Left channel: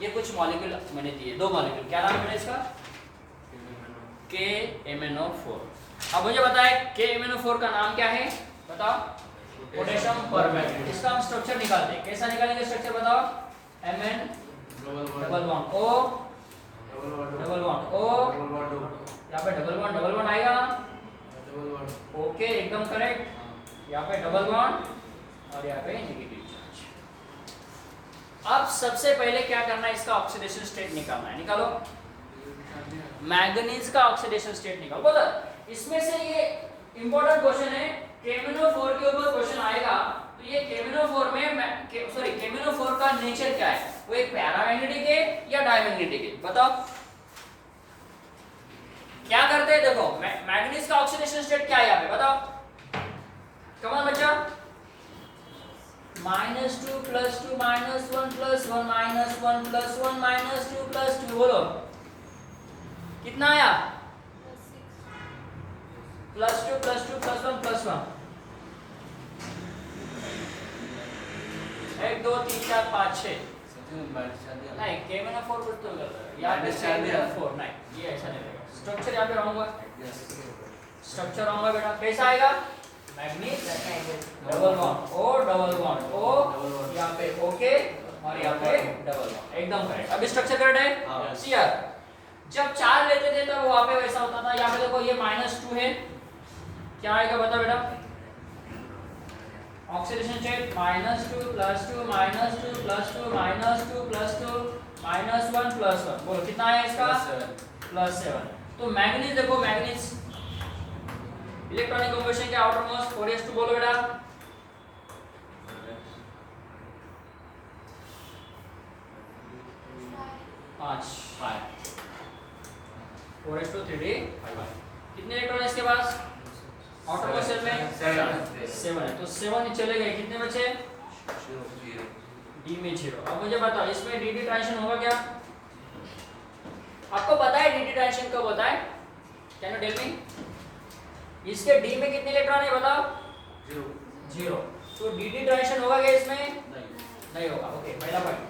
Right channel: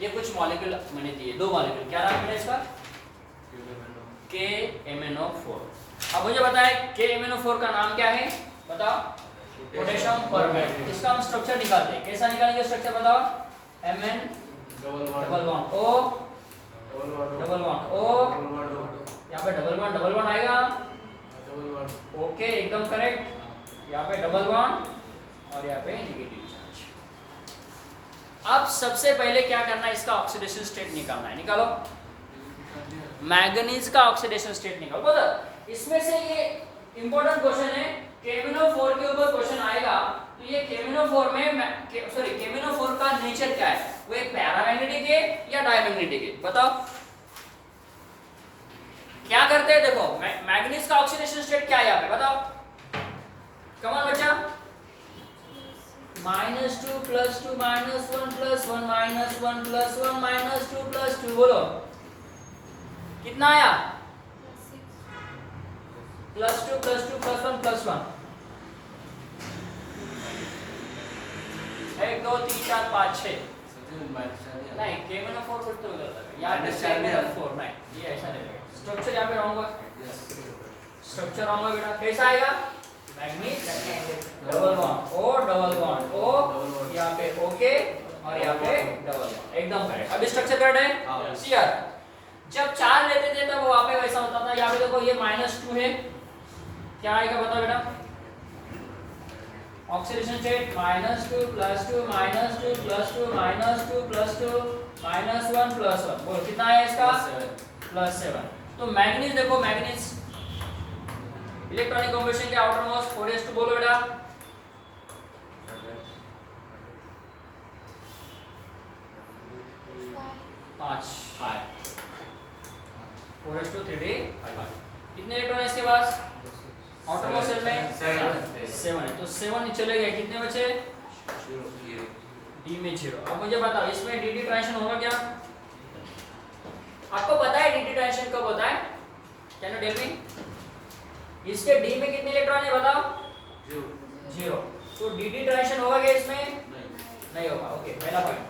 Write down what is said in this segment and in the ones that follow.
ये कुछ मॉलिक्यूल मैंने दिए, 2 मॉलिक्यूल, क्या नाम है इसका? KMnO4। अब मुझे बताए KMnO4 का नाम क्या है, बताओ? Potassium permanganate. इसका हम स्ट्रक्चर निकालते हैं, कैसा निकालेंगे स्ट्रक्चर बताओ? Mn double bond O double bond O, यहाँ पे डबल बॉन्ड आएगा, ओके एकदम करेक्ट। यहाँ पे डबल बॉन्ड और यहाँ पे नेगेटिव चार्ज। अब सबसे पहले क्या करना है, इसका ऑक्सीडेशन स्टेट निकालना है। निकालो, मैंगनीज का ऑक्सीडेशन स्टेट निकालो। बोलो, इसमें से ये इंपॉर्टेंट क्वेश्चन है, KMnO4 के ऊपर क्वेश्चन आएगा, तो ये KMnO4 में KMnO4 का नेचर क्या है? वो एक पैरामैग्नेटिक है या डायमैग्नेटिक है, बताओ? क्या करते हैं, देखो मैंगनीज का ऑक्सीडेशन स्टेट क्या है यहाँ पे, बताओ? कम ऑन बच्चा, -2 + 2 -1 + 1 -1 + 1 -2 + 2, बोलो कितना आया? +2 +2 +1 +1, 1 2 3 4 5 6 नहीं, KMnO4 कुछ तो गलत है यार, -4 नहीं, ये ऐसा नहीं रहेगा। स्ट्रक्चर यहाँ पे रॉन्ग हुआ, स्ट्रक्चर रॉन्ग हुआ बेटा। कैसा आएगा? Manganese double bond O double bond O, यहाँ पे ओके और यहाँ पे डबल बॉन्ड, एकदम करेक्ट। अभी स्ट्रक्चर करेक्ट है? सीआर जब 4 लेते थे तब वहां पे वैसा होता था। यहाँ पे देखो ये -2 है, क्या आएगा बताओ बेटा? ऑक्सीडेशन स्टेट -2 + 2 -2 + 2 -2 + 2 -1 + 1, बोलो कितना आया इसका? +7। तो मैंगनीज देखो, मैंगनीज इलेक्ट्रॉनिक कॉम्बिनेशन के आउटर मोस्ट 4s2, बोलो बेटा? 5 4s2 3d 5। कितने इलेक्ट्रॉन है इसके पास आउटर मोस्ट सेल में? 7 है, तो 7 चले गए, कितने बचे? D में 0। अब मुझे बताओ इसमें dd ट्रांजिशन होगा क्या? आपको पता है dd ट्रांजिशन कब होता है? Can you tell me? इसके D में कितने इलेक्ट्रॉन है बताओ? 0। तो dd ट्रांजिशन होगा क्या इसमें? नहीं होगा, ओके पहला पॉइंट।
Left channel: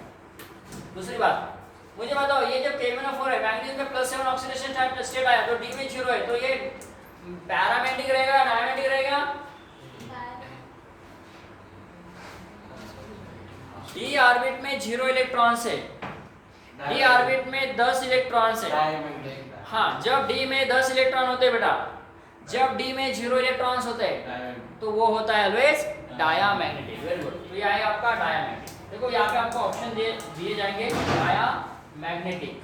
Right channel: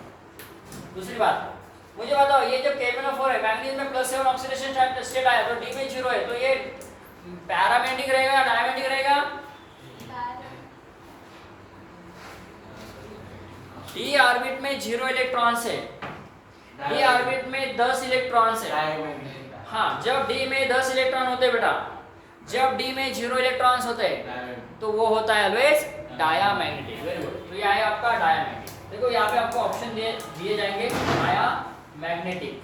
दूसरी बात मुझे बताओ, ये जब KMnO4 है, मैंगनीज में +7 ऑक्सीडेशन स्टेट आया, तो D में 0 है, तो ये पैरामैग्नेटिक रहेगा डायमैग्नेटिक रहेगा? D ऑर्बिट में 0 इलेक्ट्रॉन्स है, D ऑर्बिट में 10 इलेक्ट्रॉन्स है। हाँ, जब D में 10 इलेक्ट्रॉन होते हैं बेटा, जब D में 0 इलेक्ट्रॉन्स होते हैं तो वो होता है ऑलवेज डायामैग्नेटिक। वेरी गुड, तो ये है आपका डायामैग्नेटिक। देखो यहाँ पे आपको ऑप्शन दिए जाएंगे, डायामैग्नेटिक,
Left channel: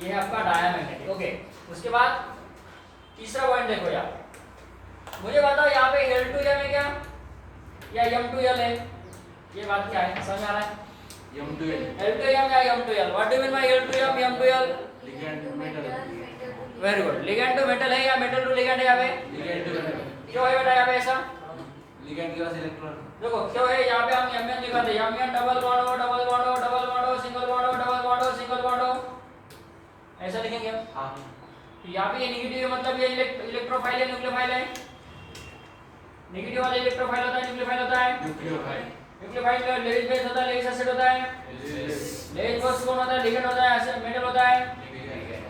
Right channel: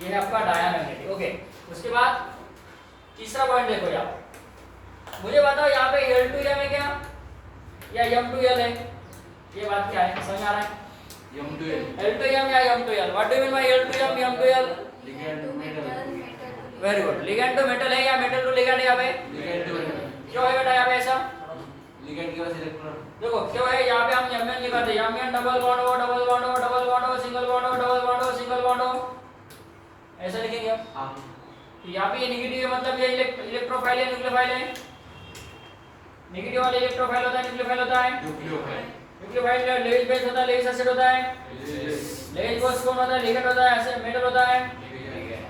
ये है आपका डायामैग्नेटिक। ओके, उसके बाद तीसरा पॉइंट देखो यहाँ, मुझे बताओ यहाँ पे L2M है क्या या M2L है? ये बात क्या है, समझ आ रहा है? L2M या M2L? What do you mean by L2M M2L? Very good, ligand to metal है या मेटल टू लिगैंड है यहाँ पे? क्यों है बेटा यहाँ पे ऐसा? लिगैंड के पास इलेक्ट्रॉन, देखो क्यों है, यहाँ पे हम Mn लिखते हैं, Mn double bond O double bond O double bond O single bond O double bond O single bond O, ऐसा लिखेंगे हम। हां, तो यहाँ पे ये नेगेटिव है, मतलब ये इलेक्ट्रोफाइल है न्यूक्लियोफाइल है? नेगेटिव वाला इलेक्ट्रोफाइल होता है न्यूक्लियोफाइल होता है? न्यूक्लियोफाइल का लेविस बेस होता है, लेविस एसिड होता है, लेविस बेस कौन होता है? लिगैंड होता है, एसिड मेटल होता है।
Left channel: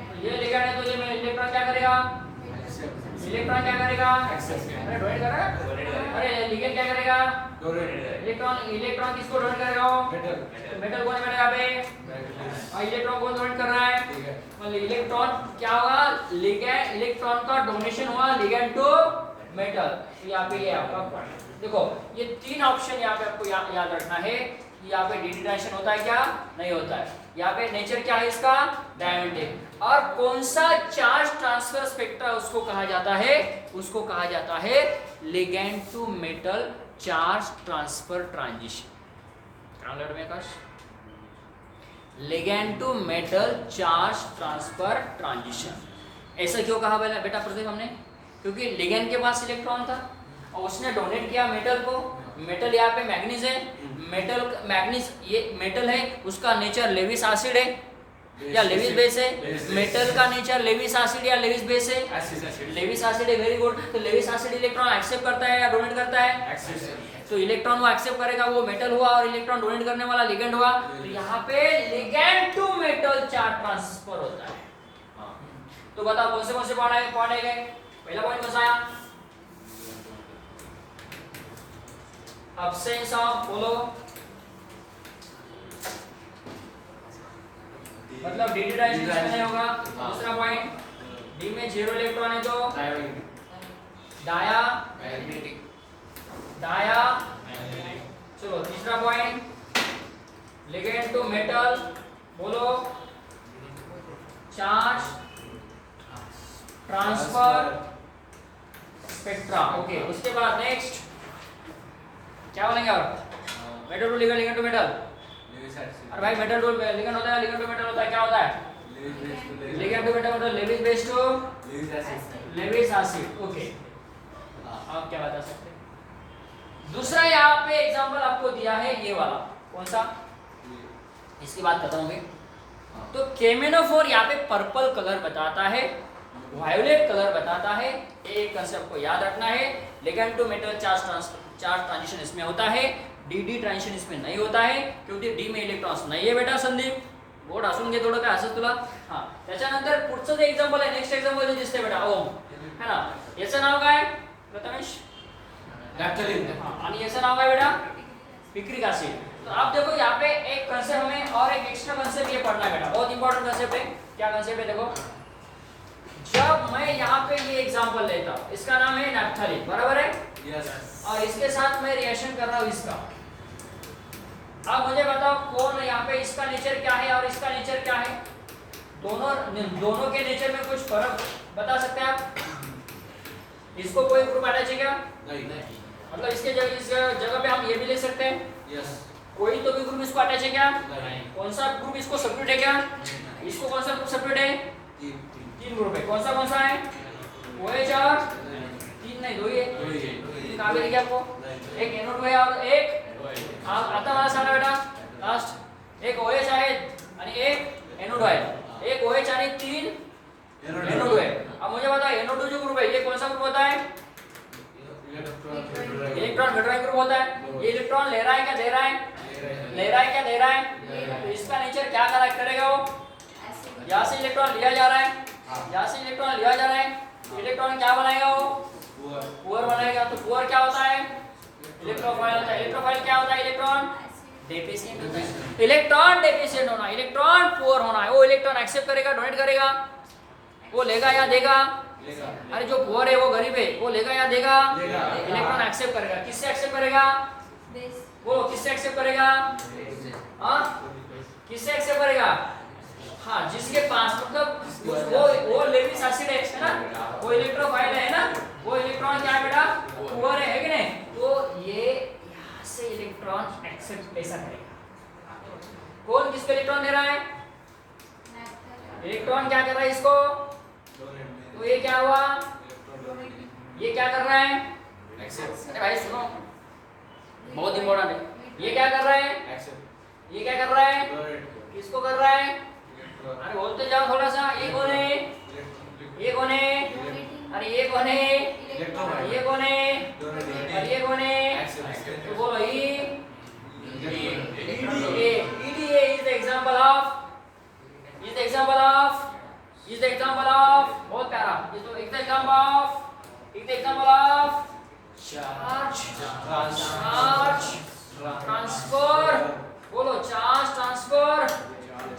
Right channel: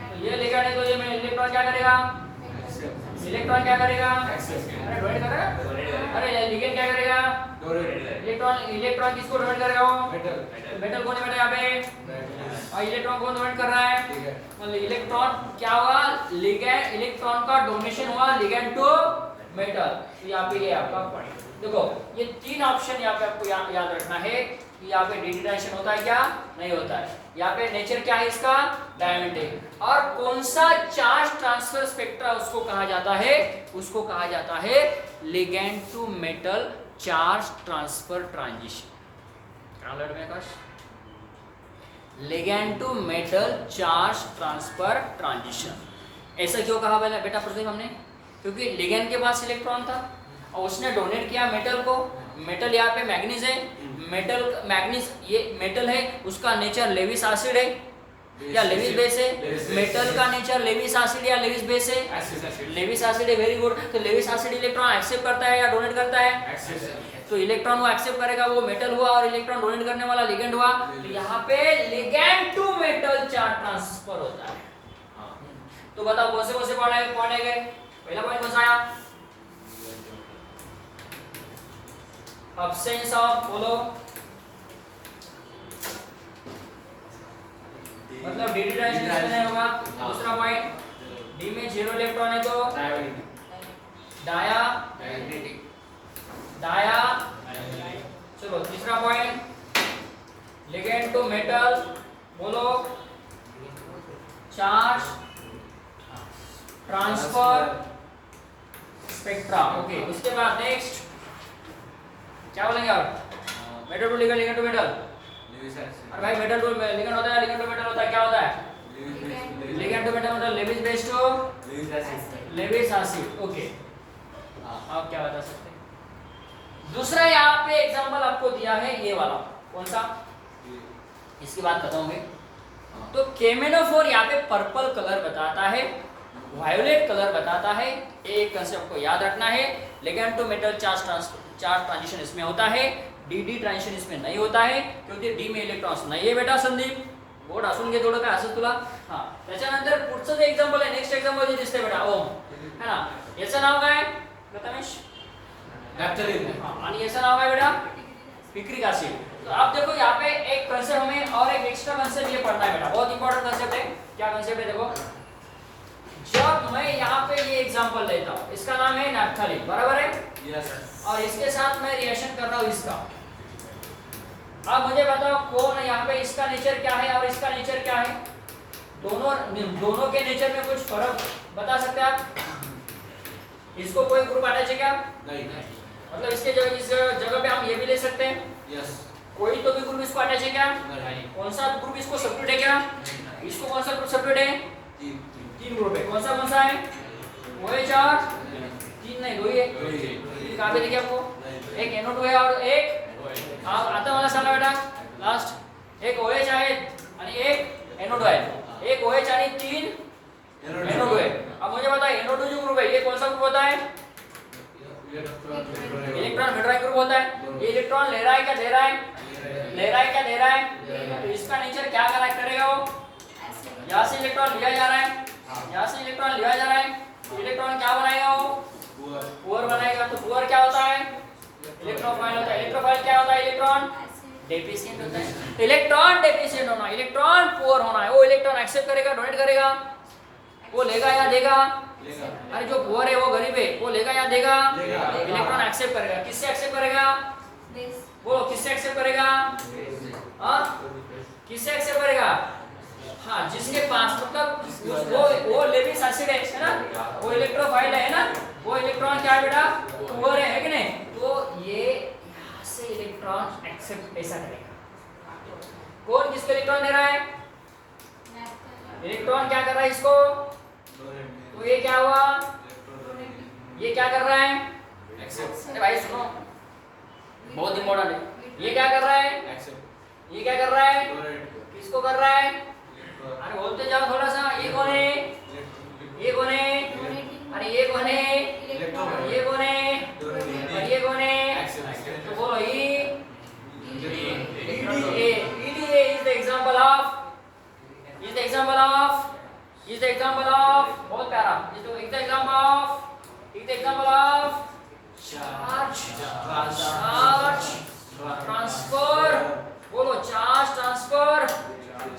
तो ये लिगैंड है, तो ये में इलेक्ट्रॉन क्या करेगा? इलेक्ट्रॉन क्या करेगा? अरे डोनेट करेगा। अरे लिगैंड क्या करेगा? इलेक्ट्रॉन किसको डोनेट करेगा? वो मेटल कौन है बेटा यहाँ पे? और इलेक्ट्रॉन कौन डोनेट कर रहा है? मतलब इलेक्ट्रॉन क्या हुआ? लिगैंड, इलेक्ट्रॉन का डोनेशन हुआ लिगैंड टू मेटल। तो यहाँ पे ये आपका पॉइंट। देखो ये 3 ऑप्शन यहाँ पे आपको याद रखना है कि यहाँ पे dd ट्रांजिशन होता है क्या? नहीं होता है। यहाँ पे नेचर क्या है इसका? डायमैग्नेटिक। और कौन सा चार्ज ट्रांसफर स्पेक्ट्रा उसको कहा जाता है? उसको कहा जाता है ligand to metal charge transfer transition. Ligand to metal charge transfer transition. ऐसा क्यों कहा बेटा प्रदीप हमने? क्योंकि लिगैंड के पास इलेक्ट्रॉन था और उसने डोनेट किया मेटल को। मेटल यहाँ पे मैग्नीज है, मेटल मैग्नीज ये मेटल है, उसका नेचर लेविस एसिड है या लेविस बेस है? मेटल का नेचर लेविस एसिड या लेविस बेस है? लेविस एसिड है, वेरी गुड। तो लेविस एसिड इलेक्ट्रॉन एक्सेप्ट करता है या डोनेट करता है? तो इलेक्ट्रॉन वो एक्सेप्ट करेगा, वो मेटल हुआ, और इलेक्ट्रॉन डोनेट करने वाला लिगेंड हुआ। तो यहाँ पे ligand to metal charge transfer होता है। तो बताओ कौन से पॉइंट आए गए? पहला पॉइंट कौन सा आया? अब्सेंस ऑफ, बोलो, मतलब डी ट्रांजिशन नहीं होगा। दूसरा पॉइंट, डी में 0 इलेक्ट्रॉन है तो डाया। चलो तीसरा पॉइंट, लिगेंड टू मेटल, बोलो, चार्ज ट्रांसफर स्पेक्ट्रा। ओके, उसके बाद नेक्स्ट क्या बोलेंगे आप? Metal to ligand, ligand to metal. अरे भाई मेटल टू लिगेंड होता है, लिगेंड टू मेटल होता है, क्या होता है? लिगेंड टू मेटल मतलब Lewis base to Lewis acid. Okay, आप क्या बता सकते हैं? दूसरा यहाँ पे एग्जांपल आपको दिया है ये वाला, कौन सा? इसकी बात करता हूँ मैं। तो केमेनोफोर यहाँ पे पर्पल कलर बताता है, वायोलेट कलर बताता है। एक कंसेप्ट को याद रखना है, ligand to metal charge transition इसमें होता है, डी ट्रांजिशन इसमें नहीं होता है, क्योंकि डी में इलेक्ट्रॉन्स नाही आहे बेटा संदीप. बोर्ड असून घे थोडं काय असं तुला. हां, त्याच्यानंतर पुढचं जे एक्झाम्पल आहे, नेक्स्ट एक्झाम्पल जे दिसते बेटा ओम, है ना, याचं नाव काय प्रथमेश? नॅफ्थलीन. हां, आणि याचं नाव काय बेटा? Picric acid. तो आप देखो यहाँ पे एक कंसेप्ट हमें और एक एक्स्ट्रा कंसेप्ट ये पढ़ना है बेटा, बहुत इंपॉर्टेंट कंसेप्ट है. क्या कंसेप्ट है देखो, जब मैं यहाँ पे ये एग्जांपल लेता हूँ, इसका नाम है नैप्थलीन, बराबर है? यस. और इसके साथ मैं रिएक्शन कर रहा हूँ इसका. अब मुझे बताओ कौन है यहाँ पे, इसका नेचर क्या है और इसका नेचर क्या है? दोनों के नेचर में कुछ फर्क बता सकते हैं आप? इसको कोई ग्रुप आना चाहिए क्या? नहीं. मतलब इसके जगह इस जगह पे हम ये भी ले सकते हैं. यस. कोई तो भी ग्रुप इसको अटैच है क्या? नहीं. कौन सा ग्रुप इसको सेपरेट है क्या? इसको कौन सा ग्रुप सेपरेट है? तीन ग्रुप है. कौन सा है? OH और तीन नहीं, दो ही है. कहाँ पे देखिए आपको? एक NO2 है और एक आता मला सांगा बेटा लास्ट. एक OH आहे आणि एक NO2 आहे. एक OH आणि तीन NO2 है. अब मुझे बता NO2 जो ग्रुप है ये कौन सा ग्रुप होता है? इलेक्ट्रॉन हेटेरोडाइन ग्रुप होता है. ये इलेक्ट्रॉन ले रहा है क्या दे रहा है? ले रहा है क्या दे रहा है? तो इसका नेचर क्या करेगा वो? यहाँ से इलेक्ट्रॉन लिया जा रहा है, यहाँ से इलेक्ट्रॉन लिया जा रहा है. इलेक्ट्रॉन क्या बनाएगा वो? पुअर बनाएगा. तो पुअर क्या होता है? इलेक्ट्रोफाइल होता है. इलेक्ट्रोफाइल क्या होता है? इलेक्ट्रॉन डेफिशिएंट होता है. इलेक्ट्रॉन डेफिशिएंट होना, इलेक्ट्रॉन पुअर होना है. वो इलेक्ट्रॉन एक्सेप्ट करेगा, डोनेट करेगा, वो लेगा या देगा? अरे जो पुअर है वो गरीब है, वो लेगा या देगा? इलेक्ट्रॉन एक्सेप्ट करेगा. किससे एक्सेप्ट करेगा? वो किससे एक्सेप्ट करेगा? हाँ, किससे एक्सेप्ट करेगा? हाँ, जिसके पास मतलब वो लेविस एसिड है ना, वो इलेक्ट्रोफाइल है ना, वो इलेक्ट्रॉन क्या है बेटा? पुअर है कि नहीं? तो ये यहाँ से इलेक्ट्रॉन एक्सेप्ट ऐसा करेगा. कौन किसको इलेक्ट्रॉन दे रहा है? इलेक्ट्रॉन क्या कर रहा है इसको? तो ये क्या हुआ? ये क्या कर रहा है? एक्सेप्ट. अरे भाई सुनो, बहुत इंपॉर्टेंट है. ये क्या कर रहा है? एक्सेप्ट. ये क्या कर रहा है? किसको कर रहा है? अरे बोलते जाओ थोड़ा सा. ये कौन है? ये कौन है? अरे ये कौन है? ये कौन है? और ये कौन है? तो बोलो ये is the example of बहुत प्यारा. ये तो example of charge transfer. बोलो चार्ज ट्रांसफर,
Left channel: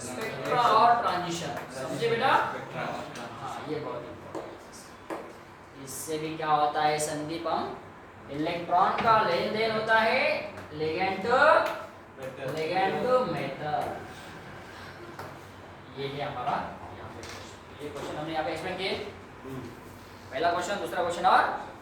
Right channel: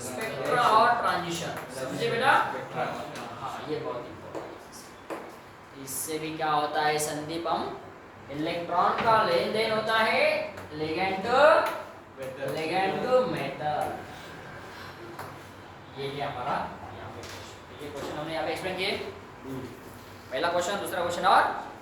स्पेक्ट्रा और ट्रांजिशन. समझे बेटा? हाँ, ये बहुत इंपॉर्टेंट है. इससे भी क्या होता है संदीप? हम इलेक्ट्रॉन का लेन देन होता है लिगेंड टू मेटल. ये हमारा यहाँ पे ये क्वेश्चन हमने यहाँ पे एक्सप्लेन किए. पहला क्वेश्चन, दूसरा क्वेश्चन और